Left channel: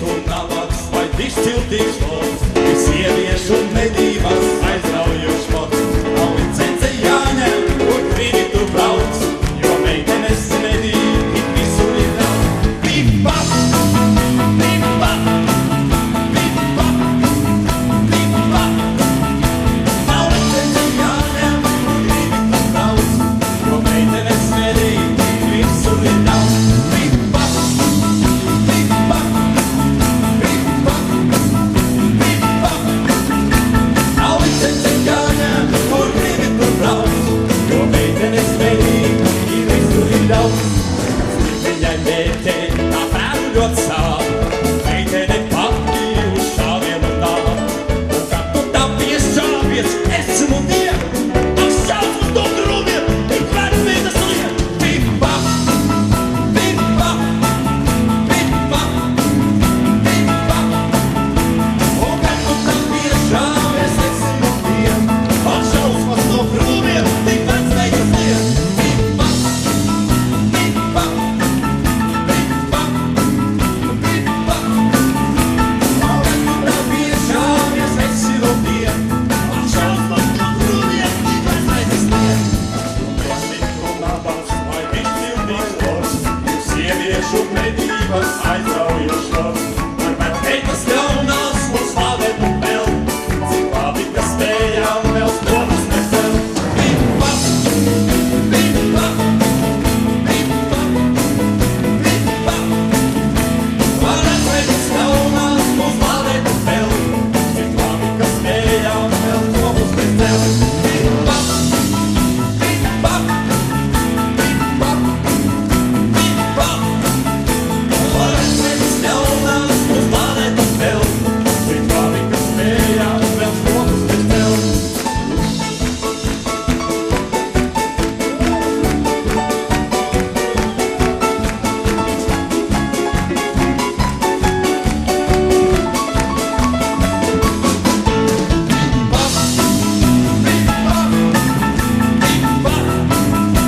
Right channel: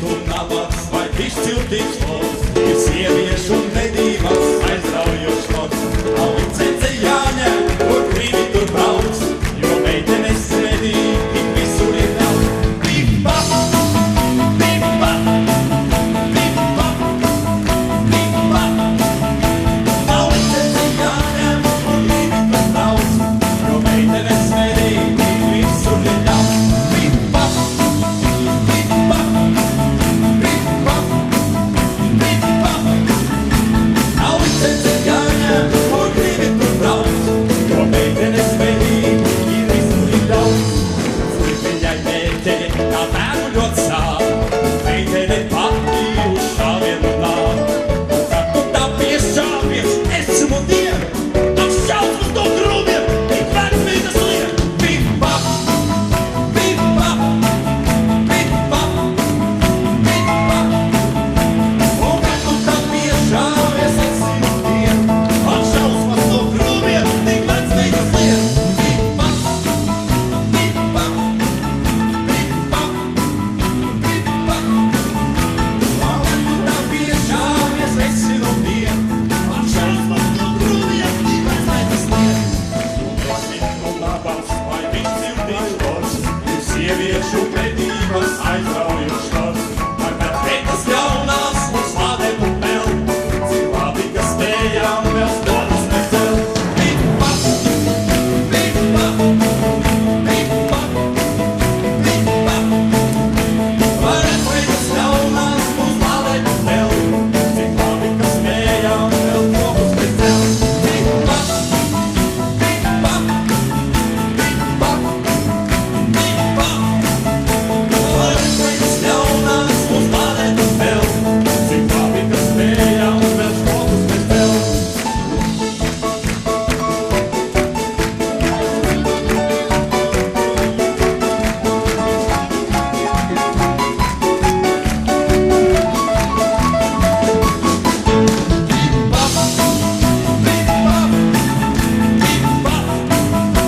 tu nabaks vai izciltīgs loks, ir sieviešu medībās aizraujošs sports. Nav licence jāņem, kur gribi tur brauc, jo meitenes medī tik visur ir daudz. Bip-bap, bip-bap, bip-bap, bip-bap. Nav licence jāņem, kur gribi tur brauc, jo meitenes medī tik visur ir daudz. Bip-bap, bip-bap, bip-bap, bip-bap. Nav licence jāņem, kur gribi tur brauc, jo meitenes medī ir visur ir daudz. Viņai mērķē, tā pēru ļoti sāp, meitene pati uz šāvienu nāk. Un kad tu tā piešāvies, esmu dienu, ak šausmas no grūmiem, tik vecmītas liek. Bip-bap, bip-bap, bip-bap, bip-bap. Un kad tu tā piešāvies, esmu dienu, ak šausmas no grūmiem, tik vecmītas liek. Bip-bap, bip-bap. Sieviešu medības aizraujošs sports, ar vecmeitas jaunās mums slādēt un peld, cik labi, ka spējām vēl stonas necelt. Bip-bap, bip-bap, bip-bap, bip-bap. Ar vecmeitas jaunās mums slādēt un peld, cik labi, ka spējām vēl stonas necelt. Bip-bap, bip-bap, bip-bap. Ļaunās mums lādēt un peld, cik labi, ka spējām vēl šokus bez celt. Bip-bap, bip-bap, bip-bap, bip-bap.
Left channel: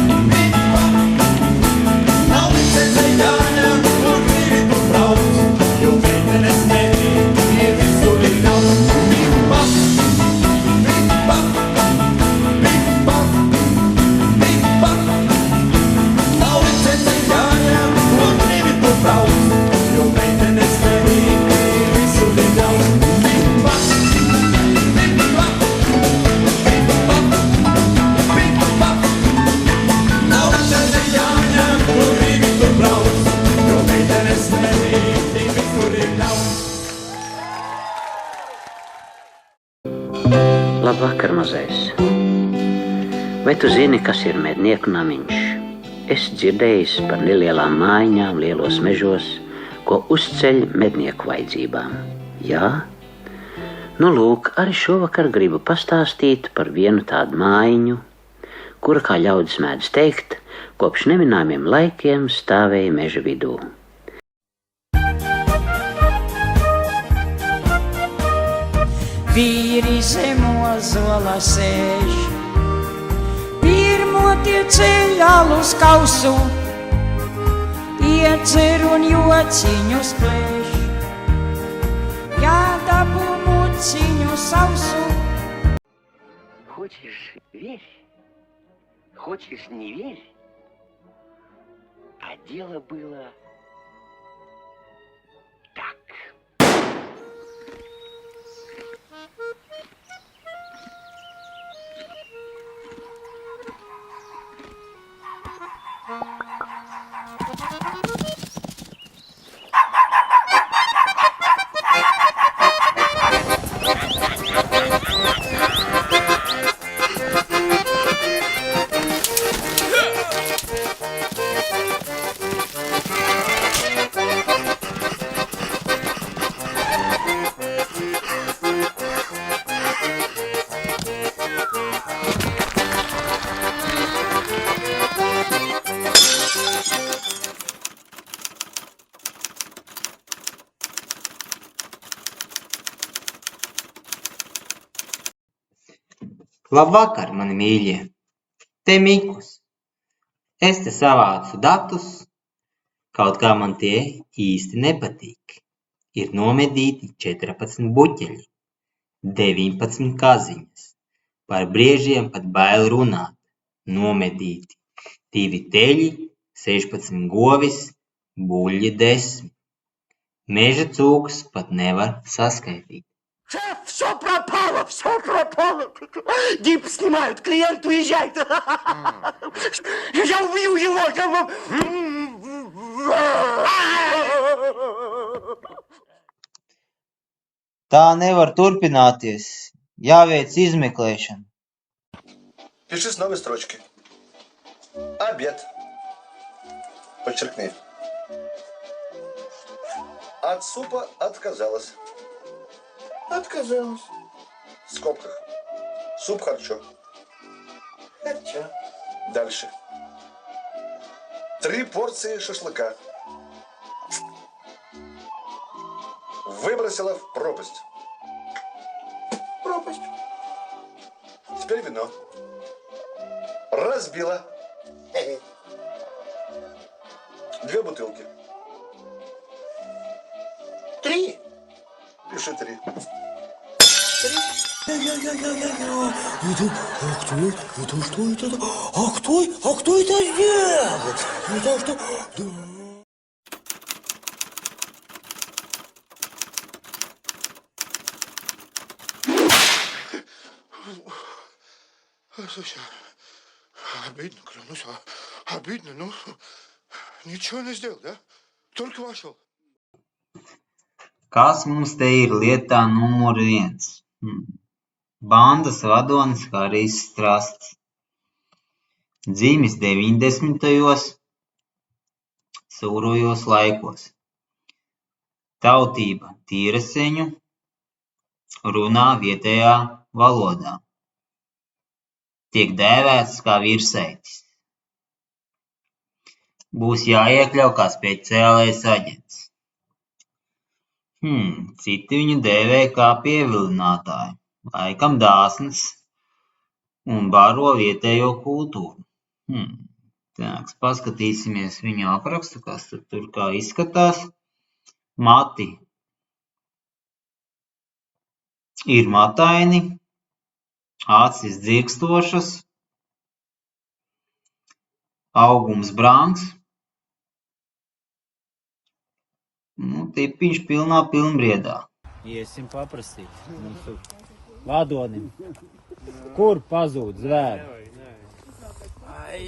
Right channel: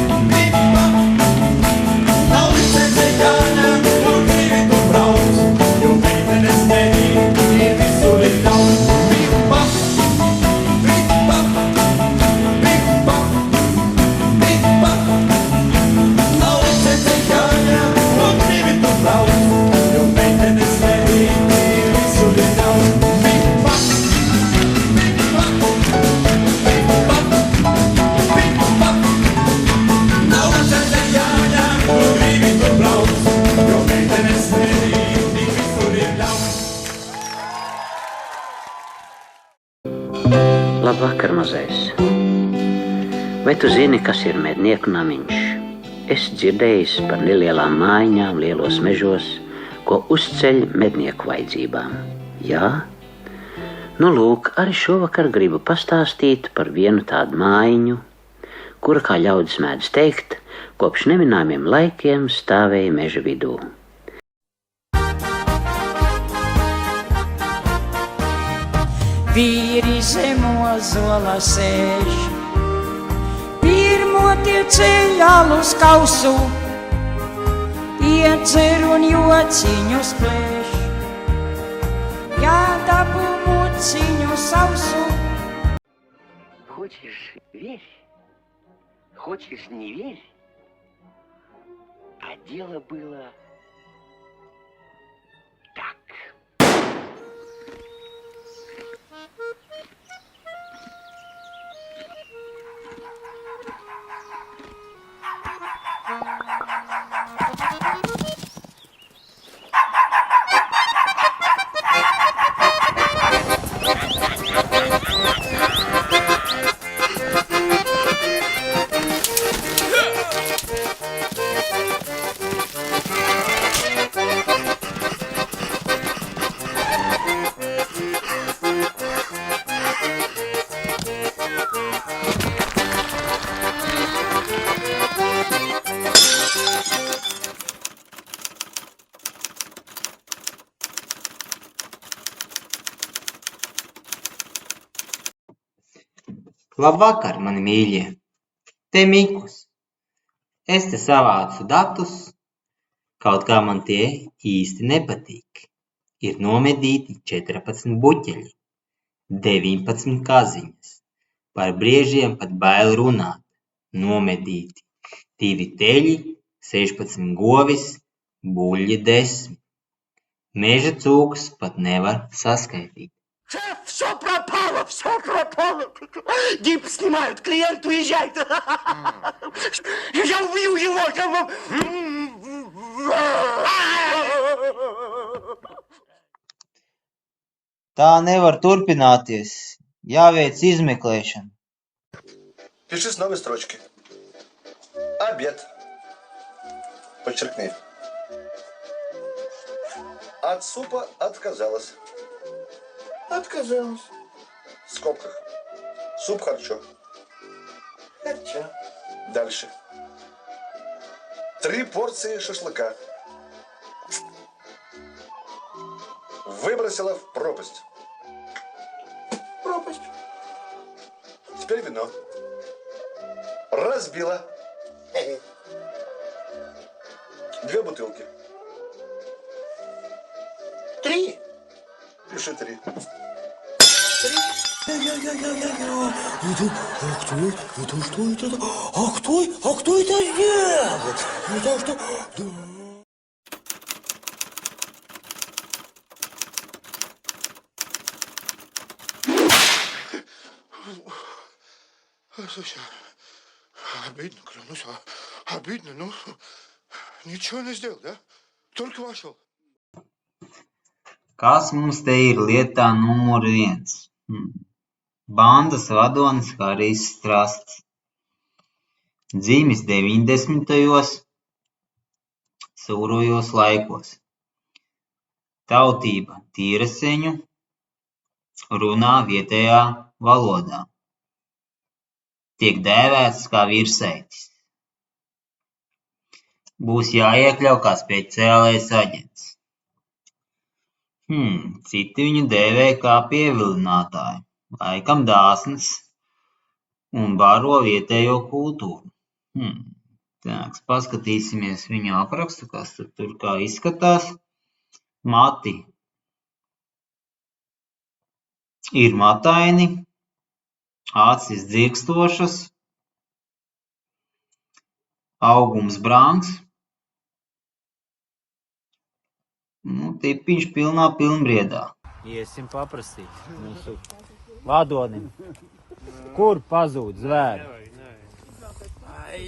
Nav licence jāņem, kur gribi tur brauc, jo meitenes medī ir visur ir daudz. Bip-bap, bip-bap, bip-bap, bip-bap. Nav licence jāņem, kur gribi tur brauc, jo meitenes medī ir visur ir daudz. Bip-bap, bip-bap, bip-bap, bip-bap. Nav licence jāņem, kur gribi tur brauc, jo meitenes medī tik visur ir daudz. Labvakar, mazais! Vai tu zini, kas ir mednieku namiņš? Es dzirdējis par nelielām mājiņām lielos mežos, ko uzceļ mednieku vajadzībām. Jā? Nu lūk, arī šovakar gribu pastāstīt par vienu tādu mājiņu, kura, kā ļaudis mēdz teikt, kopš neminājumiem laikiem stāvēja meža vidū. Vīri zem ozola sēž, pirmo tie ceļ alus kausu, iedzer un jociņus plēš, jādabū muciņu sausu. Хочешь — верь, хочешь — не верь, а дело было так. Labvakar, mani mīļie! Te Mikus. Es te savācu datus, kaut kā man tie īsti nepatīk. ir nomedīti 14 buķeļi, 19 kaziņas, par briežiem pat bail runāt, nomedīti 2 teļi, 16 govis, buļļi 10. Meža cūks pat nevar saskaitīt. Шеф, все пропало, все пропало. Гипс снимают, клиент уезжает. Я убью его. Tā nevar turpināties. Jāveic izmeklēšana. Пиши с новой строчки. Обед. Подчеркни. От супа отказалась. Отказалась. В скобках. Суп харчо. Харчо. Дальше. 3 порции шашлыка. Выбросила в пропасть. Пропасть. Теперь вино. Разбила. 2 бутылки. 3. Пиши 3. 3. Кто это делает? Это что? Слушай, обидно, клянусь, обидно, ну, ничего не сделал, да? Только вошел. Kas mums te ir lietā numur 1? Bandas vadonis Harijs Strasts. Dzimis 90. Surujos laikos. Tautība tīreseņu, runā vietējā valodā. Tiek dēvēts kā virsēķis. Būs jāiekļauj kā speciālais aģents. Citi viņu dēvē kā pievilinātāju, laikam dāsns un bāro vietējo kultūru. Paskatīsimies viņa aprakstu, kas tur kā izskatās. Mati ir mataini, acis dzirkstošas, augums brāns, tipiņš pilnā pilnbriedā. Iesim paprasīt mūsu vadonim. Kur pazūd zvēri? Ai,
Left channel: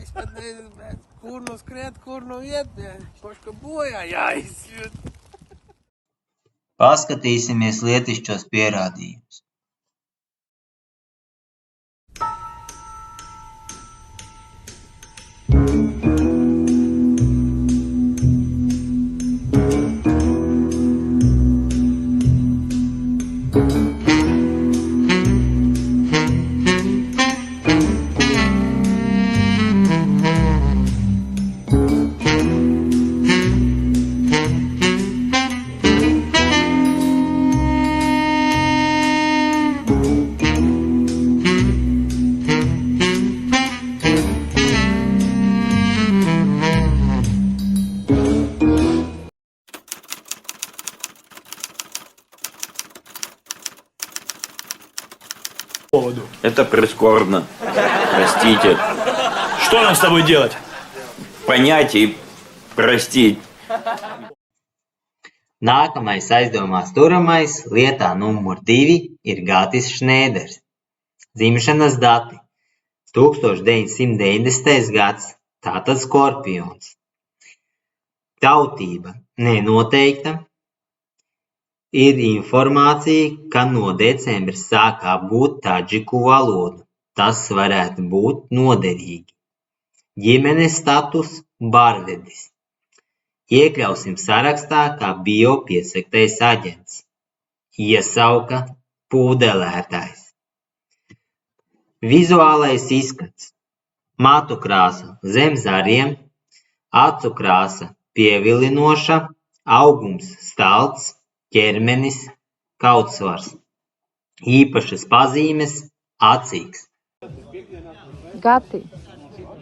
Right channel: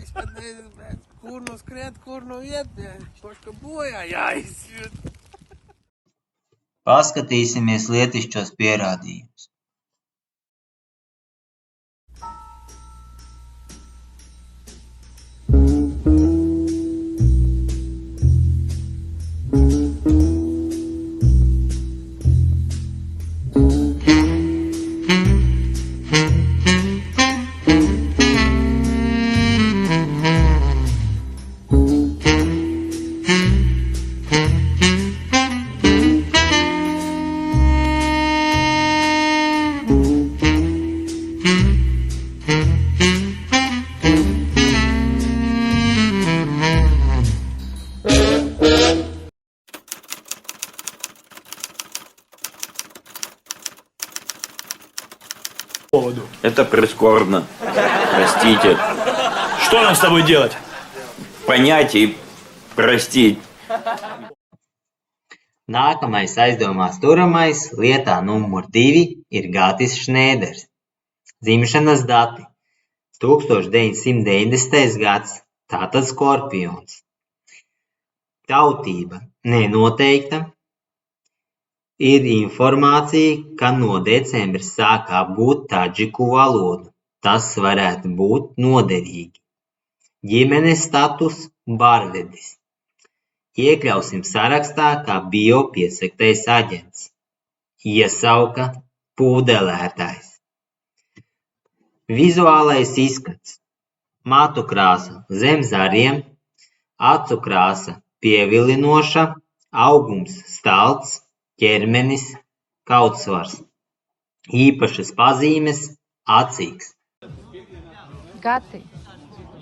es pat nezinu, kur nu skriet, kur nu iet, poška bojā jāizjūt. Paskatīsimies lietišķos pierādījumus. Это прискорбно. Простите. Что нам с тобой делать? Понять и простить. Nākamais aizdomās turamais lietā numur 2 ir Gatis Šnēders. Dzimšanas dati 1990. gads, tātad Skorpions. Tautība nenoteikta. Ir informācija, ka no decembra sākā būt tadžiku valoda. Tas varētu būt noderīgi. Ģimenes status bārdedis. Iekļausim sarakstā kā biopiesaktais aģents. Iesauka pudelētājs. Vizuālais izskats. Matu krāsa zem zariem, acu krāsa pievilinoša, augums salds, ķermenis, kautsvars. Īpašas pazīmes acīgs. Gati,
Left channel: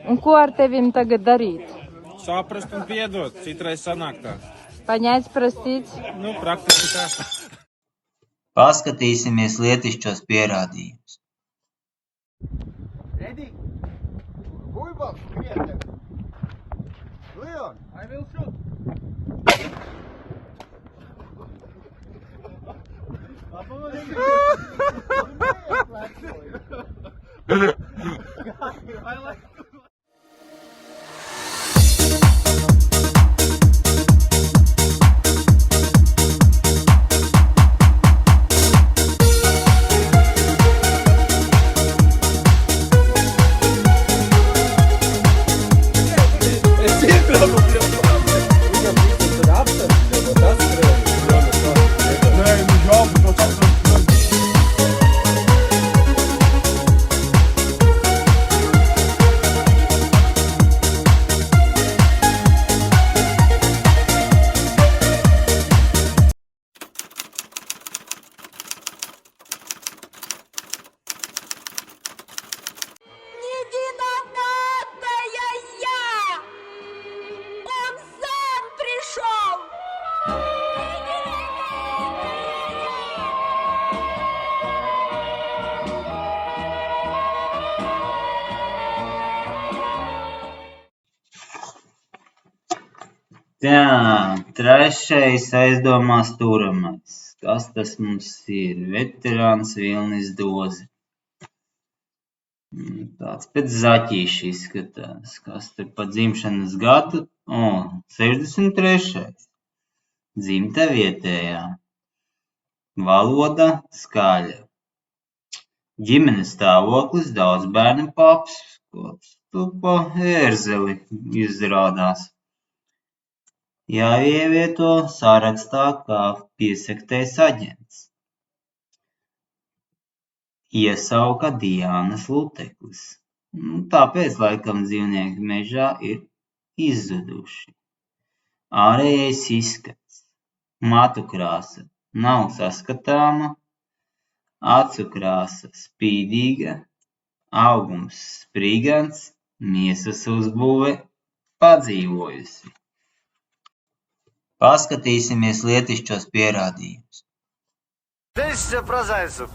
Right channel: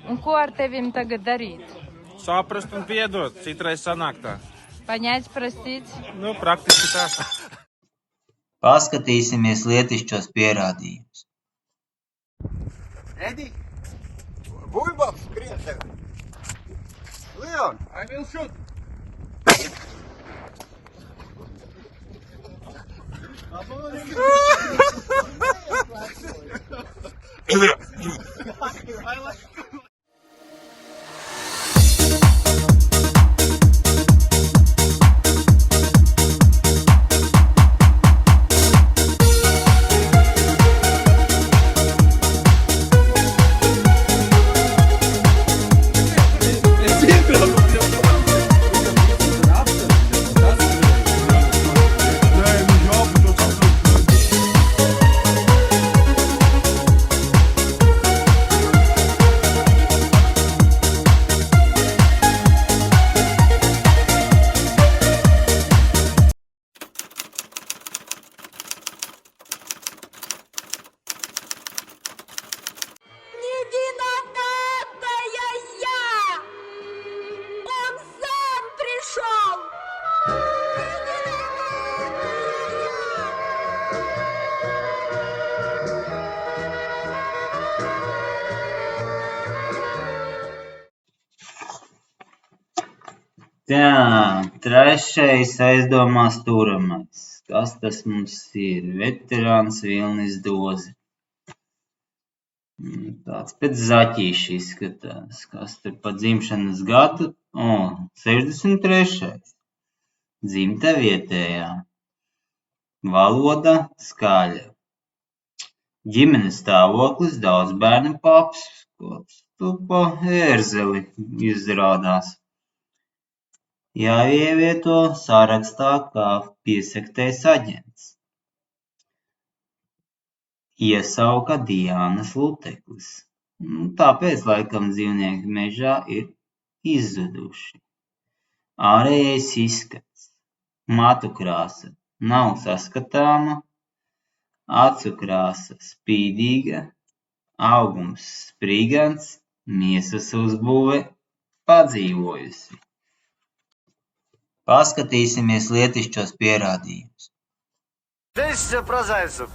un ko ar tevim tagad darīt? Saprast un piedot, citreiz sanāk tā. Понять, простить. Nu, praktiski tā. Paskatīsimies lietišķos pierādījumus. Ready? Buļbuļs, skrien tev. Leon, I will shoot. Tā, trešais aizdomās turamais. Kas tas mums ir? Veterāns Vilnis Doze. Tāds pēc zaķīša izskatās. Kas tur pa dzimšanas gadu? 63. Dzimta vietējā. Valoda skaļa. Ģimenes stāvoklis daudz bērnu paps. Kāds tu pa ērzeli izrādās. Jāievieto sarakstā kā piesaktais aģents. Iesauka Diānas Luteklis. Tāpēc, laikam, dzīvnieki mežā ir izzuduši. Ārējais izskats. Matu krāsa nav saskatāma. Acu krāsa spīdīga. Augums sprīgans. Miesas uzbūve padzīvojusi. Paskatīsimies lietišķos pierādījumus. Действие про зайцев.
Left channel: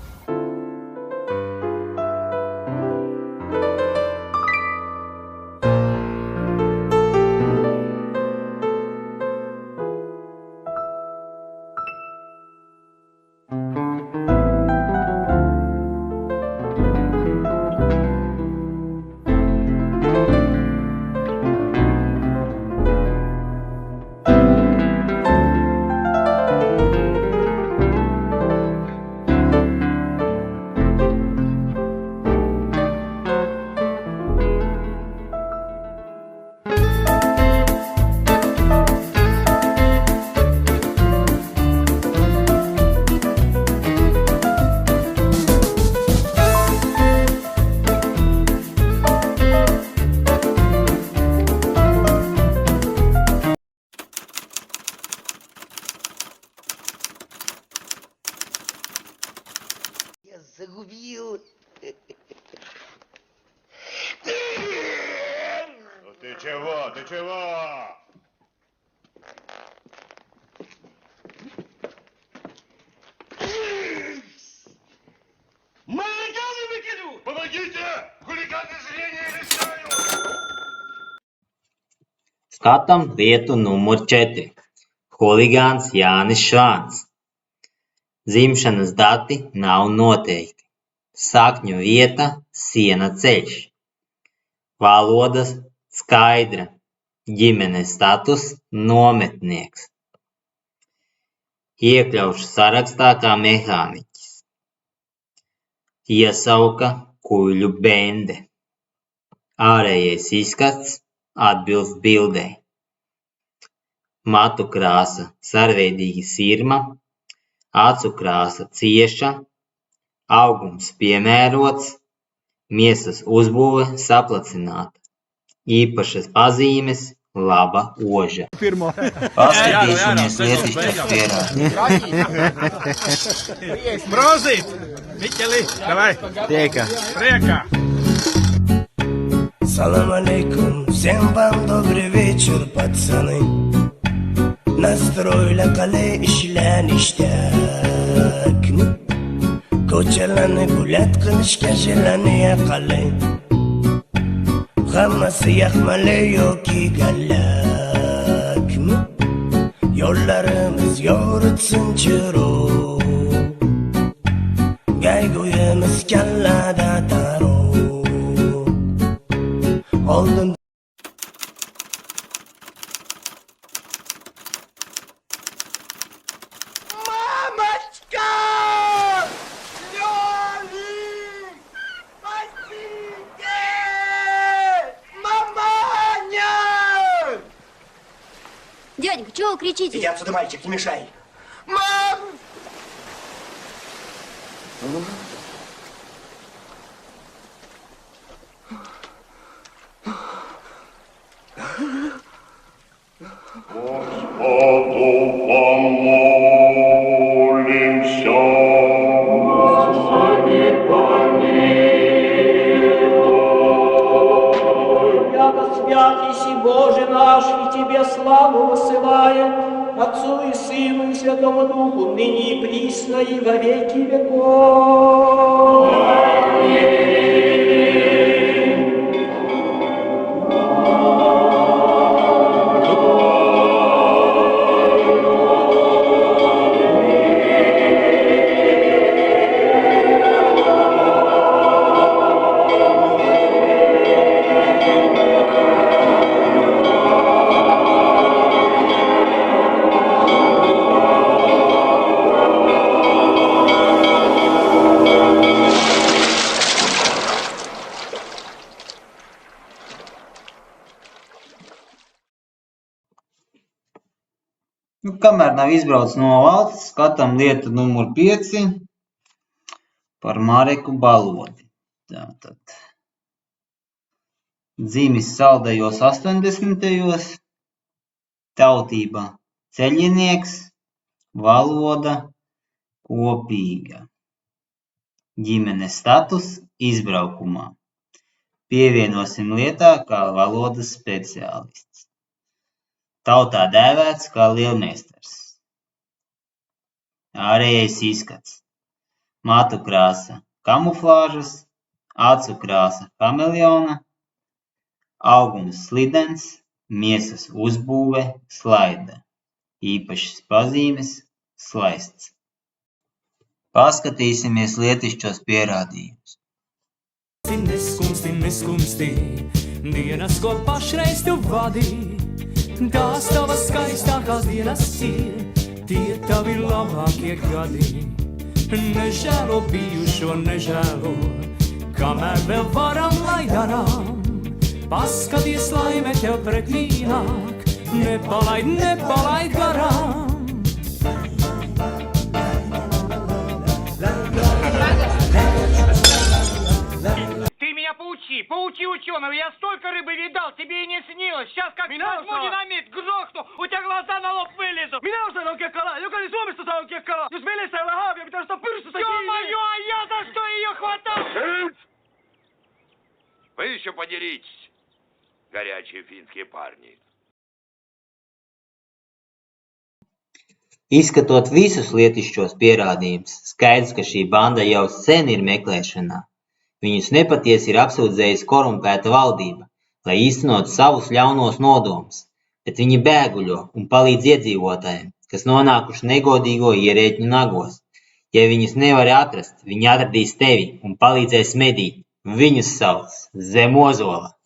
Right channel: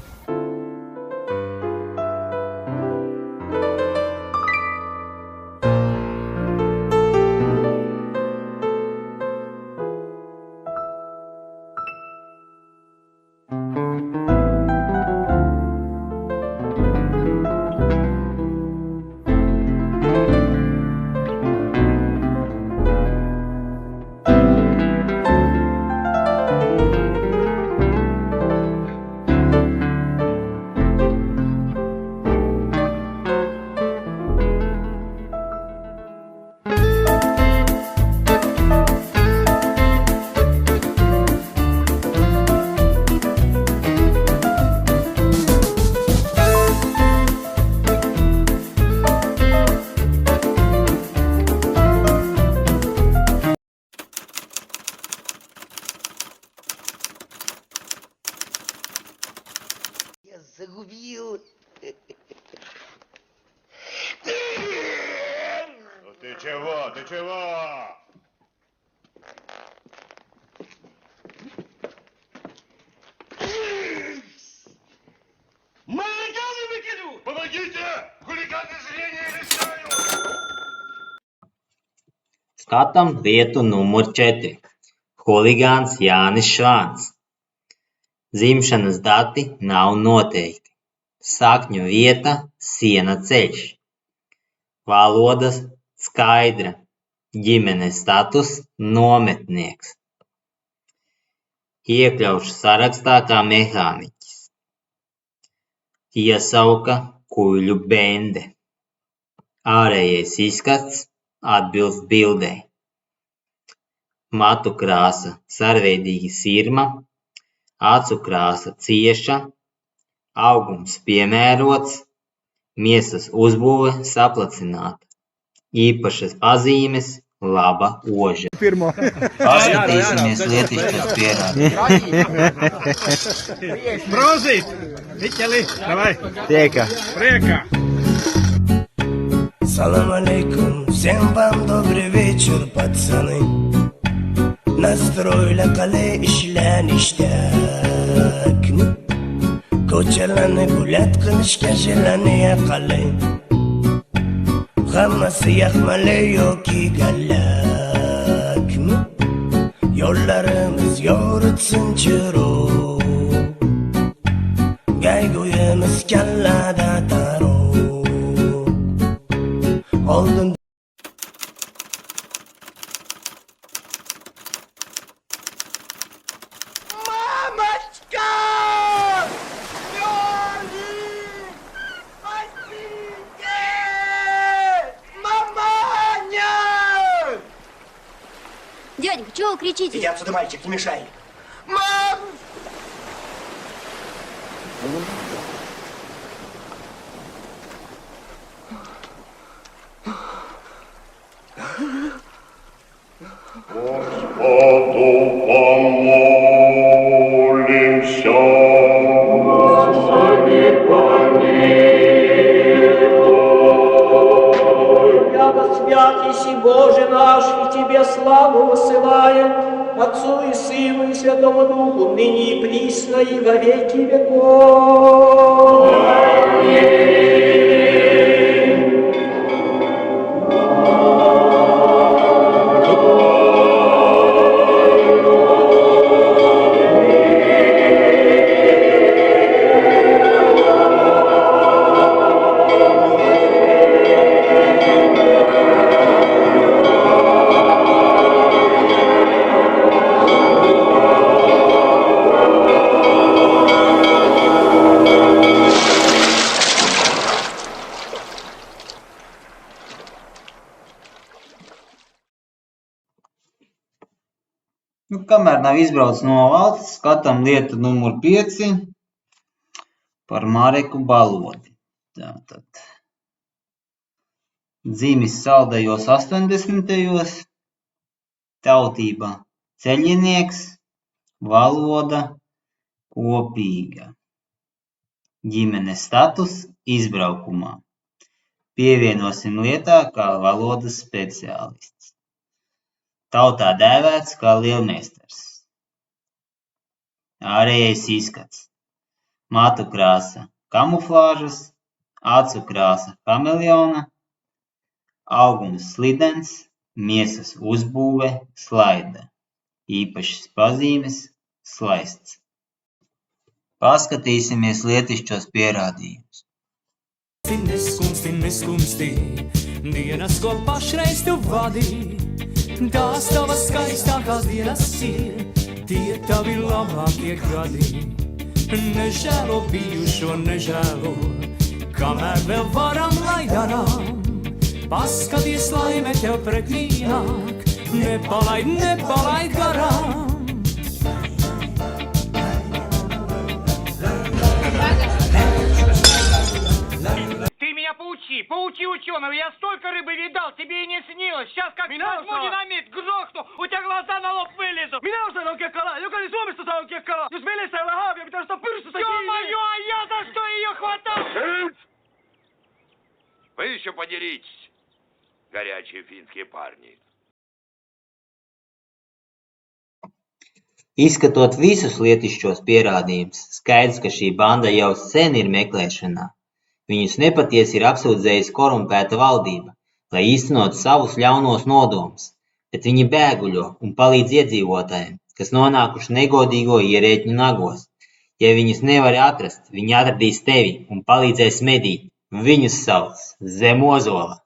Загубил. Ну ты чего, ты чего? Хулиганы выкину! Помогите! Хулиганы зрение лишают! Skatām vietu numur 4. Huligāns Jānis Šāns. Dzimšanas dati nav noteikti. Sakņu vieta Siena ceļš. Valodas skaidra. Ģimenes status nometnieks. Iekļaušu sarakstā kā mehāniķis. Iesauka kuļu bende. Ārējais izskats atbilst bildei. Matu krāsa sarežģīga sirma, acu krāsa cieša, augums piemērots, miesas uzbūve saplacināta. Īpašas pazīmes laba oža. Pirmo. Brozīt! Miķeli, davai! Priekā! Priekā! Салам алейкум, всем вам добрый вечер, пацаны. Nastroyla qale ishlanishtakni ko'chalarni gulat qilishga shilaniya qalay hammasi yaxmali yoki gallakmi yo'llarimiz yoritsin chiroq Gayguyimiz kallada taro oldin Мамочка! Лёлик! Спасите! Маманя! Дяденька, чего вы кричите? Иди отсюда, мальчик, не мешай. Мам! Господу помолимся. Господи, помилуй. Яко свят еси Боже наш, и Тебе славу высылаем, Отцу и Сыну и Святому Духу, ныне и присно, и во веки веков. Kamēr nav izbraucis no valsts, skatām lietu numuru 5 par Mareku Balodi. Tātad. Dzīvis saldējos 80. Tautība ceļinieks, valoda kopīga. Ģimenes status izbraukumā. Pievienosim lietā kā valodas speciālists. Tautā dēvēts kā lielmeistars. Ārējais izskats. Matu krāsa kamuflāžas, acu krāsa kameleona, augums slidens, miesas uzbūve slaida. Īpašas pazīmes slaists. Paskatīsimies lietišķos pierādījumus. Neskumsti, dienas, ko pašreiz tu vadīji. Tās tavas skaistākās dienas ir, tie tavi labākie gadi. Nežēlo bijušo, nežēlo, kamēr vēl varam, lai darām. Paskaties, laime tev pretī nāk, nepalaid garām. Поучи ученого, я столько рыбы видал, тебе и не снилось. Сейчас как возьму динамит, грохну, у тебя глаза на лоб вылезут. Minä osaan oikein kalaa, jokainen Suomessa saa oikein kalaa. Jos veneessä ei ole haavia, pitää ostaa pyrstystä kiinni. Ё-моё, а я за что ее хватал? Вы еще подеритесь, горячие финские парни. Izskatot visus lietišķos pierādījumus, skaidrs, ka šī banda jau sen ir meklēšanā. Viņus nepatiesi ir apsūdzējusi korumpēta valdība, lai īstenot savus ļaunos nodomus, bet viņi bēguļo un palīdz iedzīvotājiem, kas nonākuši negodīgo ierēģu nagos. Ja viņus nevar atrast, viņi atradīs tevi un palīdzēs medīt. Viņus sauc Zemozola.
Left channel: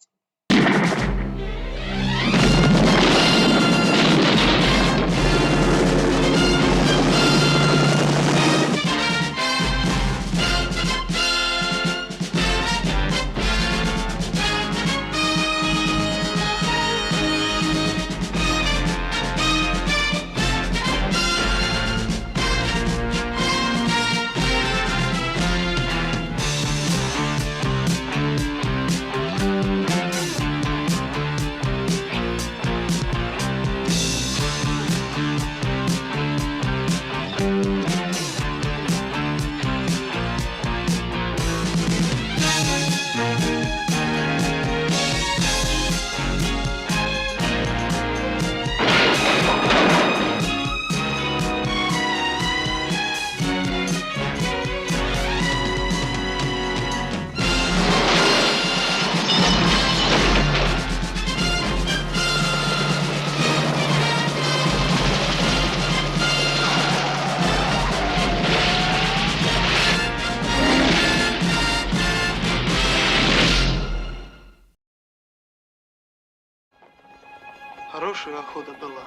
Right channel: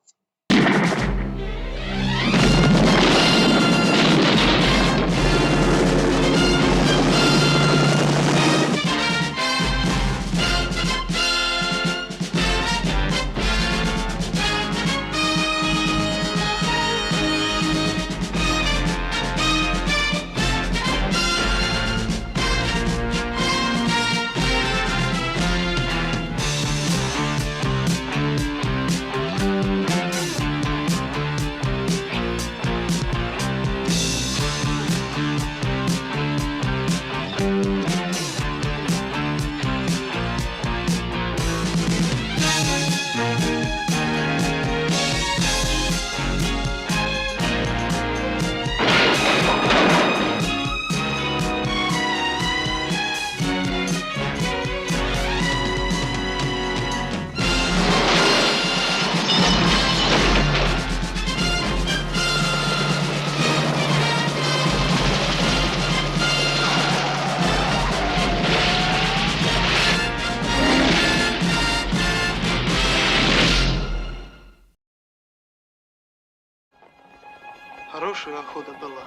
хорошая охота была?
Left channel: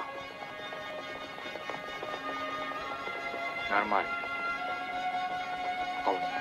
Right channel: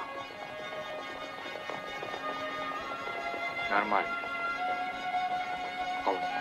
Нормально. Вполне.